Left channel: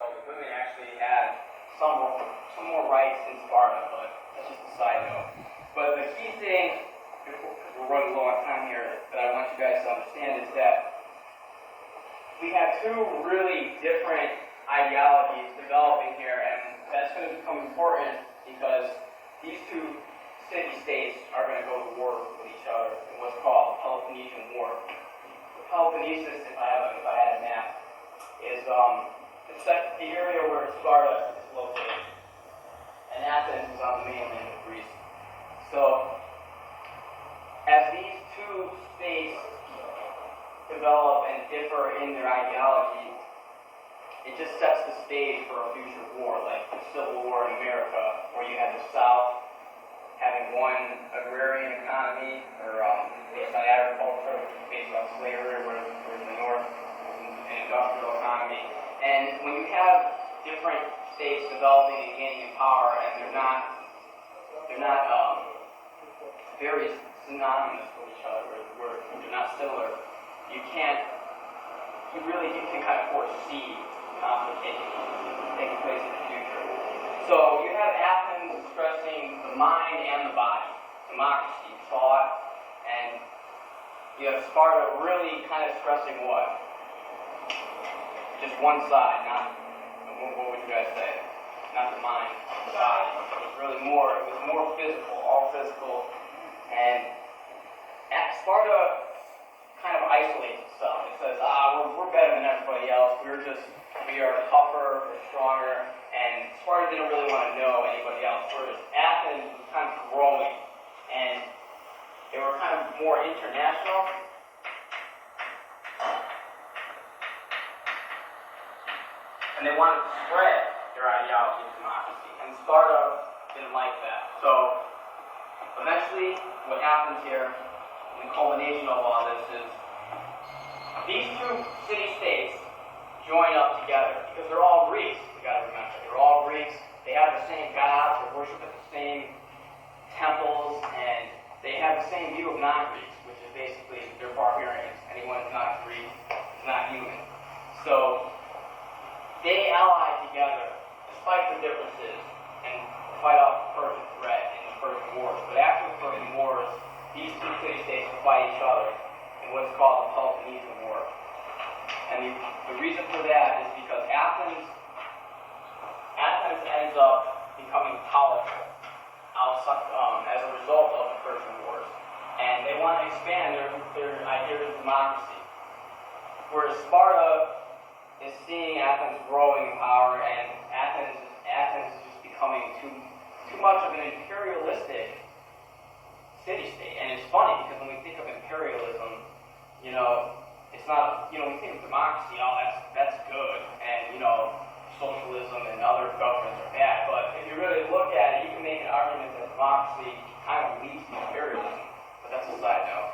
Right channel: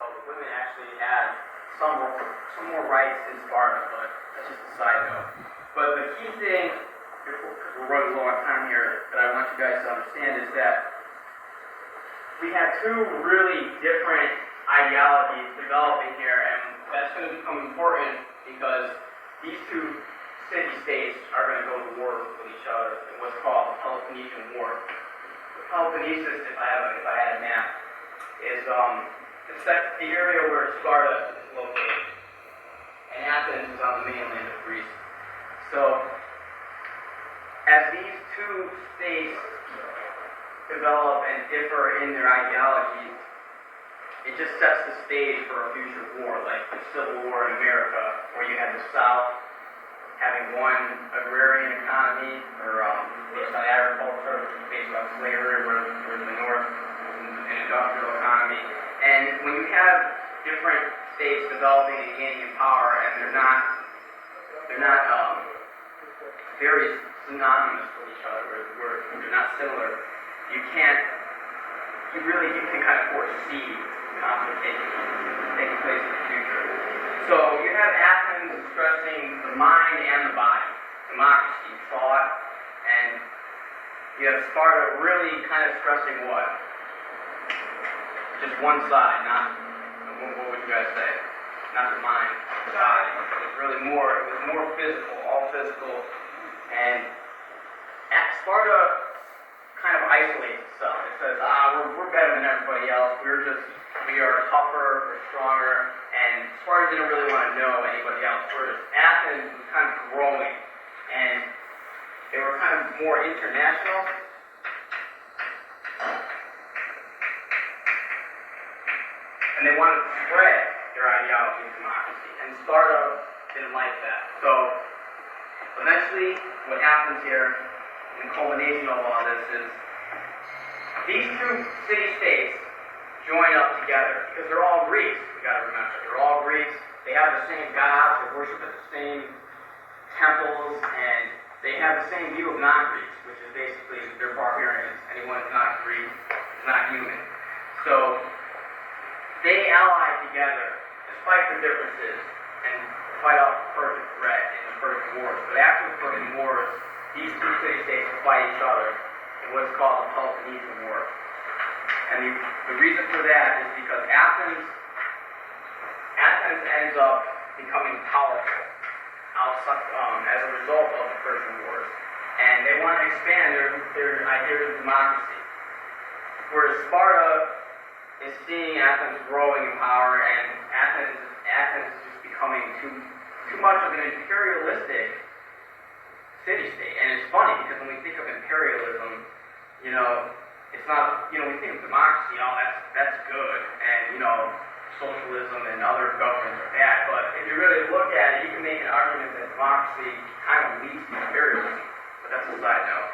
So the women actually had some more rights in Sparta, but that's just a side note. But the key thing, because we're running low on time here, that I want you guys to understand is that we have two really different ideologies developing here, and that's going to become important because these two city-states are going to go to war with each other in what's called the Peloponnesian War. The Peloponnesus, if I had a map, is the area where Sparta is located, and Athens is on the mainland of Greece. So, as these two states develop and differ in their ideology, it just sets the stage for a future war, like the Civil War in America, where you had the South having one agrarian economy, or based on agriculture, based on slavery, where the North an industrial economy. And when you have different states developing and gaining in power, and they're not very synonymous with each other, where they're not similar, you can kind of foresee complications taking place in the future. So you have Athens stressing the mind and the body, democracy, thought, and you have Sparta really kind of stressing what? Just one side, not, what would you guys say? Not the mind, the body. It was more physical, all physical. And Sparta kind of isolates itself. It says, we're better than everybody else. We are tougher, we're stronger. And Sparta didn't really want to know anybody else. Whereas Athens was kind of growing. And they were kind of more international. And they wanted to spread their ideology of democracy. And Sparta didn't like that. So eventually, what happens here, in the culmination of all this, is these two city-states join up together because they're all Greeks. We got to remember, they're all Greeks. They have the same gods. They worship at the same temples, and they have the same view of non-Greeks, which is basically they're barbarians. Anyone who's not Greek is not human. So they ally together, despite their differences, and fight off the Persian threat in the Persian Wars. But after the Persian Wars, these two city-states fight each other in what is called the Peloponnesian War. And the reason for that is because Athens ends up becoming powerful as a result of the Persian Wars. And they want to expand their ideas of democracy. Whereas Sparta is seeing Athens growing in power, and Athens is just becoming too much of an imperialistic city-state. And it's funny, because when we think of imperialism, it's not, we think of democracy, that's good, and, socialism and other governments are bad, but if you really look at it, you can make an argument that democracy kind of leads to imperialism, but that's a side note.